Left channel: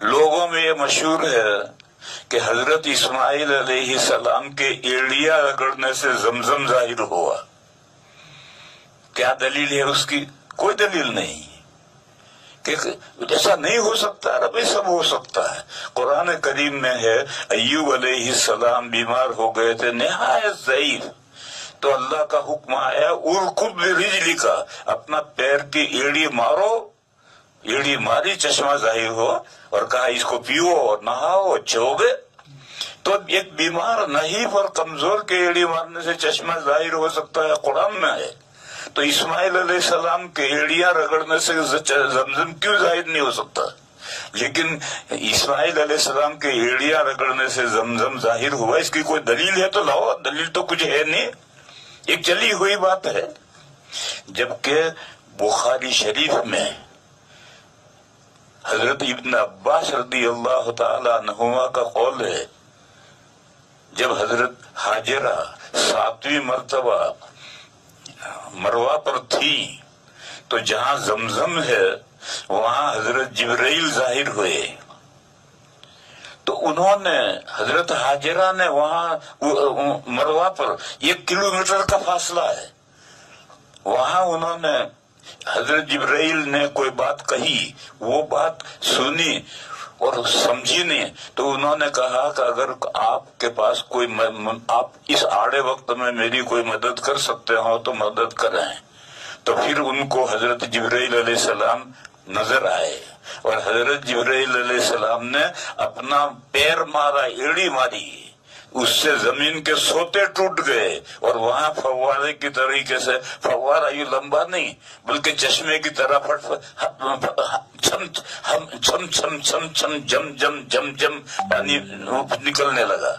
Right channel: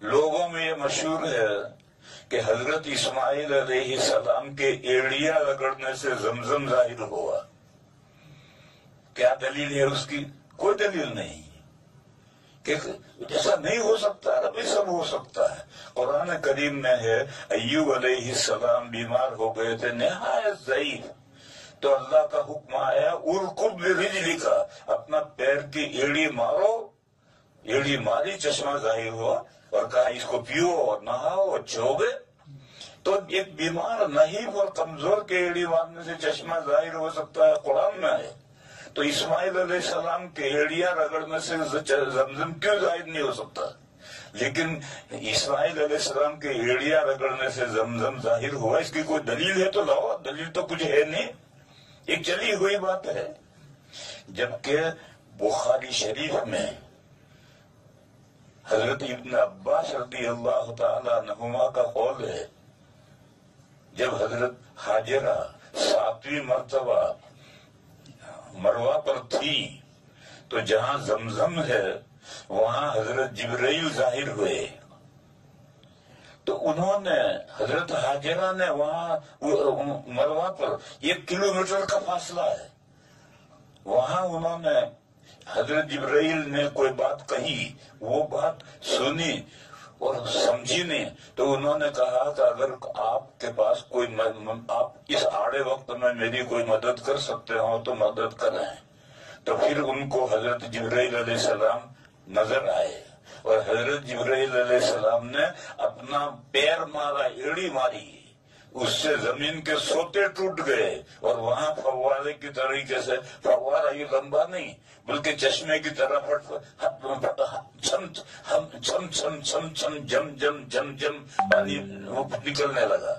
لوگوں میں یہ مشہور ہے کہ حضرت اسماعیل علیہ السلام کے ایڑیاں رگڑنے سے زمزم ظاہر ہوا. کیا دلیل ہے اس کی؟ کوئی دلیل نہیں کہ ایسا نہیں ہو سکتا. ربی سب ہو سکتا ہے. قرآن کریم میں ہے ایوب علیہ السلام بیمار ہو گئے تھے نہایت ضعیف، تو اللہ کا حکم آیا ارکض برجلک، اپنا پیر کی ایڑی مارو. ایڑی ماری، چشمہ ظاہر ہوا اور کہا اس کو پیو اور نہاؤ، اچھے ہو گئے. تو ایک بیمار نحیف اور کمزور کے ایڑی مارنے سے چشمہ ظاہر ہو سکتا ہے، قرآن میں ہے. تو اسماعیل علیہ السلام کے ایڑیاں رگڑنے سے زمزم کیوں ظاہر نہیں ہو سکتا؟ لیکن اسماعیل علیہ السلام کے ایڑیاں رگڑنے سے زمزم ظاہر ہوا، اس کی کوئی دلیل ہے تو لاؤ. دلیل تو کچھ ہے نہیں، ایک چلی ہوئی بات ہے. جبکہ بخاری شریف میں حضرت ابن عباس رضی اللہ تعالی عنہما کا قول ہے، جب حضرت ہاجرہ 7ویں مرتبہ مروہ پر تھی تو جہاں زمزم ہے وہاں حضرت جبرائیل ظاہر ہوئے. تو انہوں نے حضرت ہاجرہ نے وہاں مروہ پر 1 کلومیٹر کا فاصلہ ہے، وہاں انہوں نے حضرت جبرائیل نے کوئی بات کہی، وہ بات سنی اور سمجھی نہیں. تو انہوں نے کہا کہ اگر آپ کے پاس کوئی آپ اس آڑے وقت میں میری کوئی مدد کر سکتے ہو تو مدد کریں. تو پھر ان کو حضرت جبرائیل علیہ السلام نظر آئے اور حضرت جبرائیل علیہ السلام نے اپنا پیر مارا، ایڑی ماری، اس سے زمین کے سوتے ٹوٹ گئے اور وہاں فوارے کی طریقے سے، فوارہ یہ لمبا نہیں بلکہ چشمے کی طرح چھم چھم چھم چھم چھم جم جم جم جم پانی نکلنے لگا.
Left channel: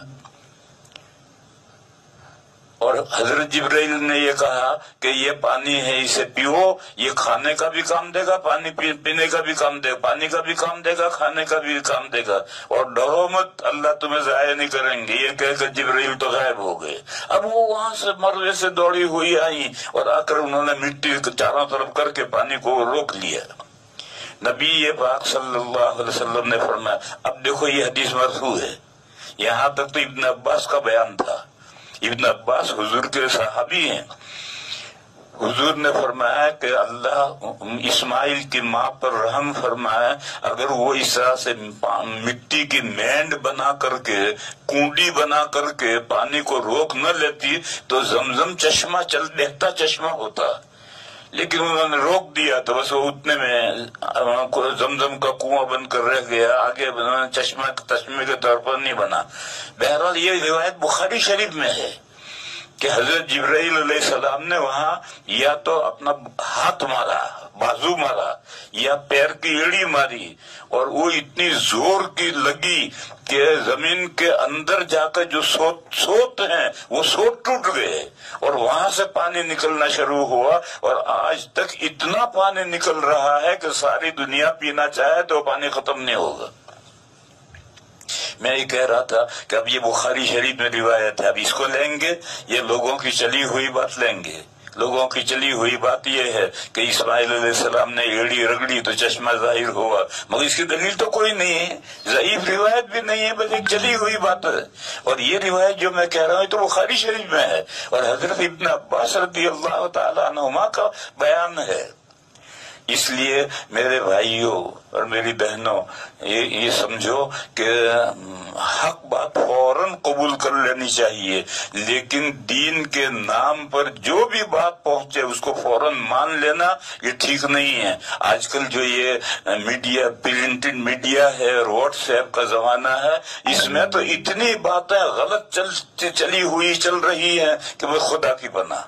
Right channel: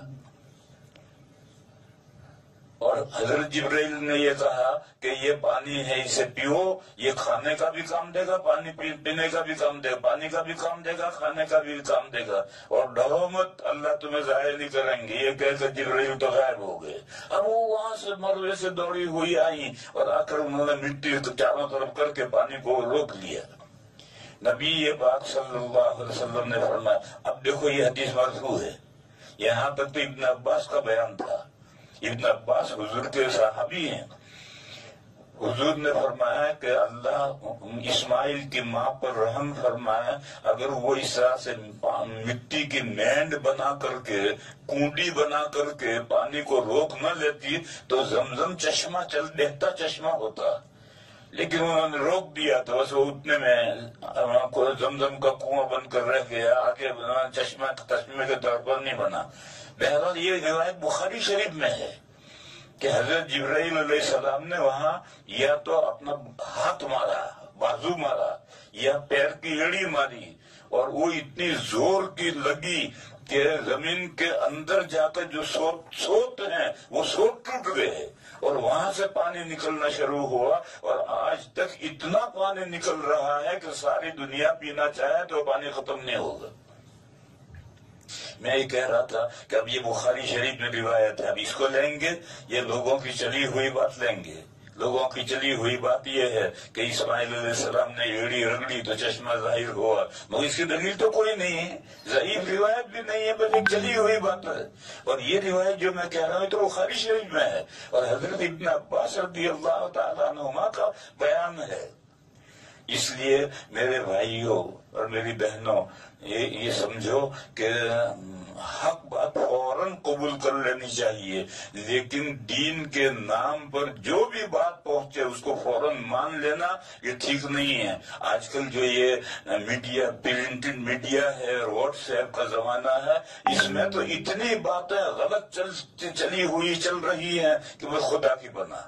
اور حضرت جبرائیل نے یہ کہا کہ یہ پانی ہے، اسے پیو، یہ کھانے کا بھی کام دے گا، پانی پینے کا بھی کام دے گا، پانی کا بھی کام دے گا، کھانے کا بھی کام دے گا، اور ڈرو مت، اللہ تمہیں ضائع نہیں کریں گے. یہ کہہ کر جبرائیل تو غائب ہو گئے. اب وہ وہاں سے مروے سے دوڑی ہوئی آئی اور آ کر انہوں نے مٹی چاروں طرف کر کے پانی کو روک لیا. نبی پاک صلی اللہ علیہ وسلم نے فرمایا، اب دیکھو یہ حدیث مرفوع ہے، یہاں تک تو ابن عباس کا بیان تھا. ابن عباس حضور کے صحابی ہیں. حضور نے فرمایا کہ اللہ اسماعیل کی ماں پر رحم فرمایا، اگر وہ اس طرح سے مٹی کی مینڈ بنا کر کے، کنڈی بنا کر کے پانی کو روک نہ لیتی تو زمزم چشمہ بہتا چشمہ ہوتا. لیکن انہوں نے روک دیا تو بس وہ اتنے میں زمزم کا کنواں بن کر رہ گیا، آگے چشمے کے طور پر نہیں بنا. بہرحال یہ روایت بخاری شریف میں ہے کہ حضرت جبرائیل علیہ السلام نے وہاں یا تو اپنا ہاتھ مارا، بازو مارا، یا پیر کی ایڑی ماری، اور وہ اتنی زور کی لگی کہ زمین کے اندر جا کر جو سوت ہیں وہ سوت ٹوٹ گئے اور وہاں سے پانی نکلنا شروع ہوا. اور آج تک اتنا پانی نکل رہا ہے کہ ساری دنیا پینا چاہے تو پانی ختم نہیں ہوگا. میں یہ کہہ رہا تھا کہ اب یہ بخاری شریف میں روایت ہے، اب اس کو لیں گے، یہ لوگوں کی چلی ہوئی بات لیں گے. لوگوں کی چلی ہوئی بات یہ ہے کہ اسماعیل علیہ السلام نے ایڑی رگڑی تو چشمہ ظاہر ہوا، مگر اس کی دلیل تو کوئی نہیں ہے، ضعیف روایت بھی نہیں ہے، بس ایک چلی ہوئی بات ہے. اور یہ روایت جو میں کہہ رہا ہوں تو بخاری شریف میں ہے اور حضرت ابن عباس رضی اللہ تعالی عنہما کا بیان ہے. اس لیے میرے بھائیوں اور میری بہنوں، یہ سمجھو کہ حق بات فوراً قبول کر لینی چاہیے، لیکن دین کے نام پر جو بھی بات پہنچے اس کو فوراً مان لینا یہ ٹھیک نہیں ہے. آج کل جو یہ میڈیا، پرنٹڈ میڈیا ہے اور واٹس ایپ کا زمانہ ہے، اس میں تو اتنی باتیں غلط چلی ہوئی چل رہی ہیں کہ وہ خدا کی پناہ.